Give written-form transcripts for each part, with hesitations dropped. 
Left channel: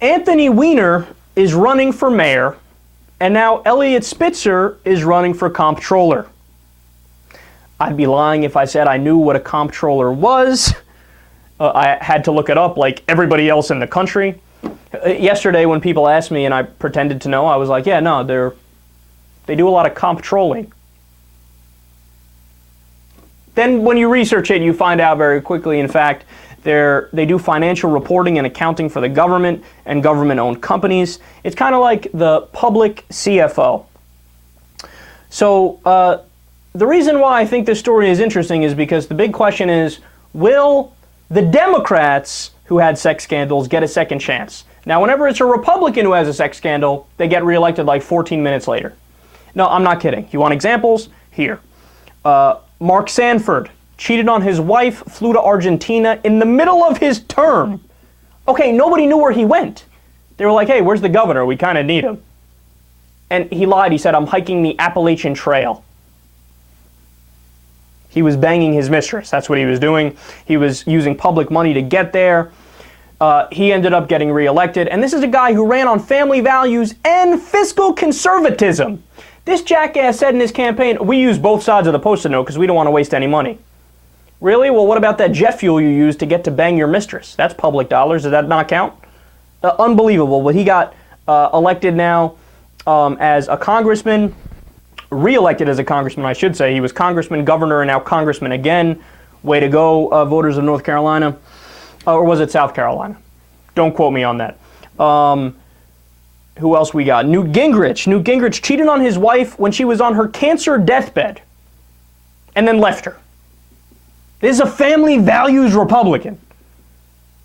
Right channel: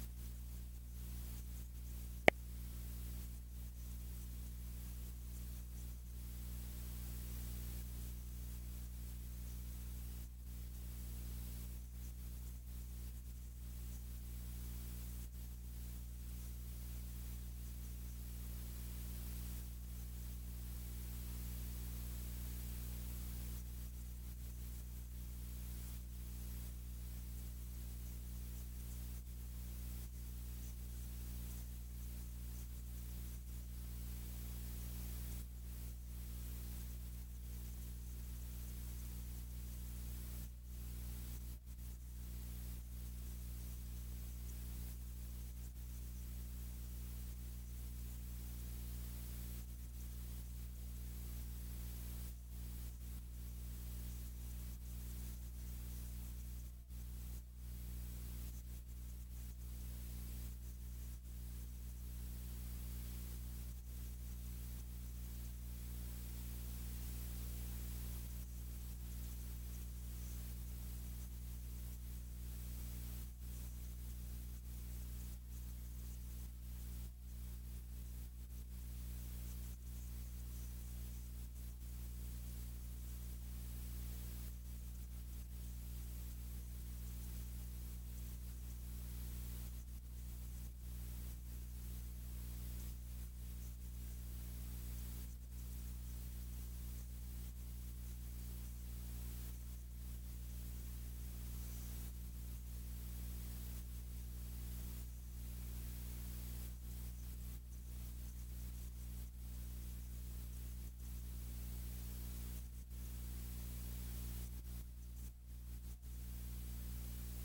Anthony Weiner is running for mayor, and now Eliot Spitzer is running for comptroller. I'd be lying if I said I knew what a comptroller was. I had to look it up like everybody else in the country. Yesterday when people asked me and I pretended to know, I was like, yeah, no, they do a lot of comptrolling. Then when you research it, you find out very quickly, in fact, they do financial reporting and accounting for the government and government-owned companies. It's kind of like the public CFO. So the reason why I think this story is interesting is because the big question is, will the Democrats who had sex scandals get a second chance? Now, whenever it's a Republican who has a sex scandal, they get reelected like 14 minutes later. No, I'm not kidding. You want examples? Here. Mark Sanford cheated on his wife, flew to Argentina in the middle of his term. Okay, nobody knew where he went. They were like, hey, where's the governor? We kind of need him. And he lied. He said, I'm hiking the Appalachian Trail. He was banging his mistress. That's what he was doing. He was using public money to get there. He ended up getting reelected. And this is a guy who ran on family values and fiscal conservatism. This jackass said in his campaign, we use both sides of the Post-it note because we don't want to waste any money. Really? Well, what about that jet fuel you use to get to bang your mistress? That's public dollars. Does that not count? Unbelievable. But he got elected now as a congressman, re-elected as a congressman, I should say. He was congressman, governor, and now congressman again. Way to go, voters of North Carolina. Or was it South Carolina? Don't quote me on that. Who else we got? Newt Gingrich. Newt Gingrich cheated on his wife when she was on her cancer deathbed and then left her. This is a family values Republican.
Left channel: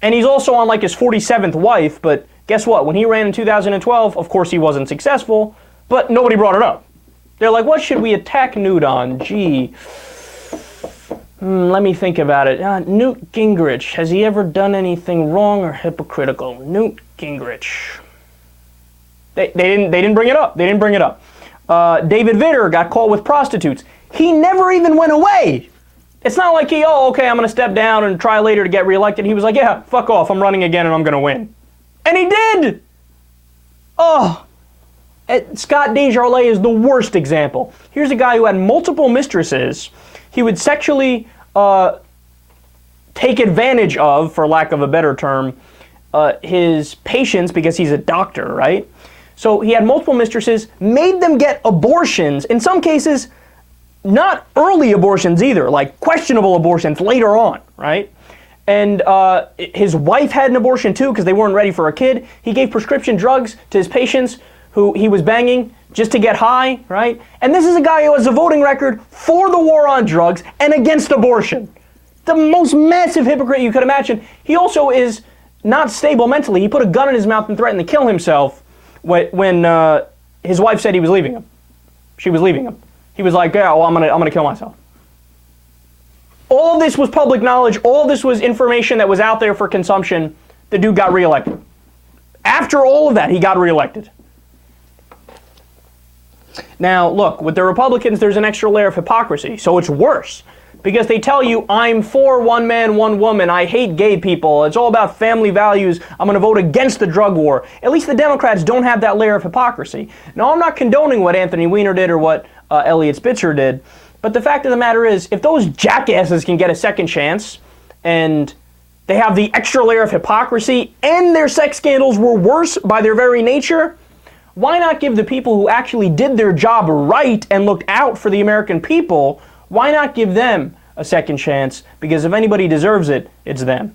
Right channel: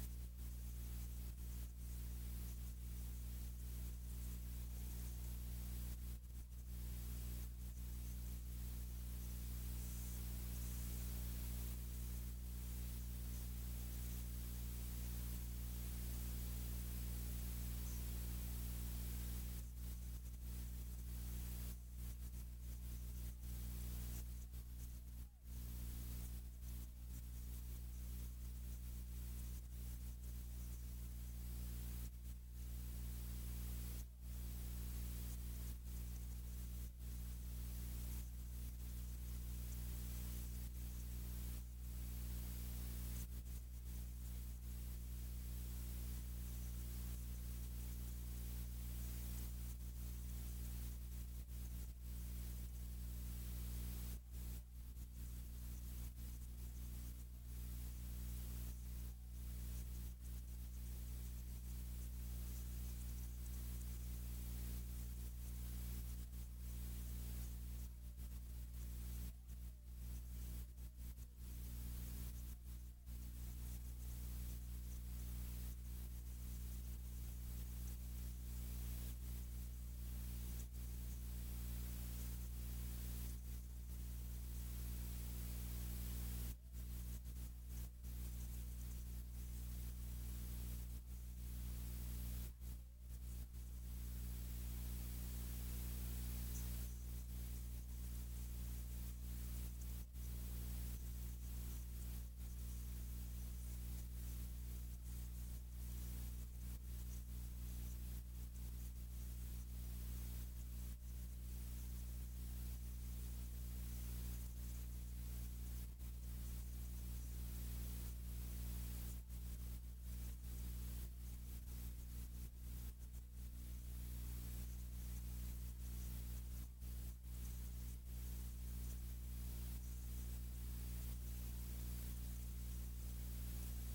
And he's also on like his 47th wife, but guess what? When he ran in 2012, of course he wasn't successful, but nobody brought it up. They're like, what should we attack Newt on? Gee, let me think about it. Newt Gingrich, has he ever done anything wrong or hypocritical? Newt Gingrich. They didn't bring it up. They didn't bring it up. David Vitter got caught with prostitutes. He never even went away. It's not like okay, I'm going to step down and try later to get reelected. He was like, yeah, fuck off. I'm running again and I'm going to win. And he did. Scott Desjardins is the worst example. Here's a guy who had multiple mistresses. He would sexually take advantage of, for lack of a better term, his patients because he's a doctor, right? So he had multiple mistresses, made them get abortions, in some cases, not early abortions either, like questionable abortions later on, right? And his wife had an abortion too because they weren't ready for a kid. He gave prescription drugs to his patients who he was banging just to get high, right? And this is a guy who has a voting record for the war on drugs and against abortion. The most massive hypocrite you could imagine. He also is not stable mentally. He put a gun in his mouth and threatened to kill himself when his wife said he was leaving him. She was leaving him. He was like, yeah, well, I'm gonna kill myself. All of this was public knowledge. All of this was information that was out there for consumption. The dude got reelected. After all of that, he got reelected. Now, look, with the Republicans, there's an extra layer of hypocrisy, so it's worse. Because they tell you, I'm for one man, one woman, I hate gay people, it's all about family values, I'm going to vote against the drug war. At least the Democrats don't have that layer of hypocrisy. Now, I'm not condoning what Anthony Weiner did or what Eliot Spitzer did, but the fact of the matter is, if those jackasses can get a second chance, and they have the extra layer of hypocrisy, and their sex scandals were worse by their very nature, why not give the people who actually did their job right and looked out for the American people, why not give them a second chance? Because if anybody deserves it, it's them.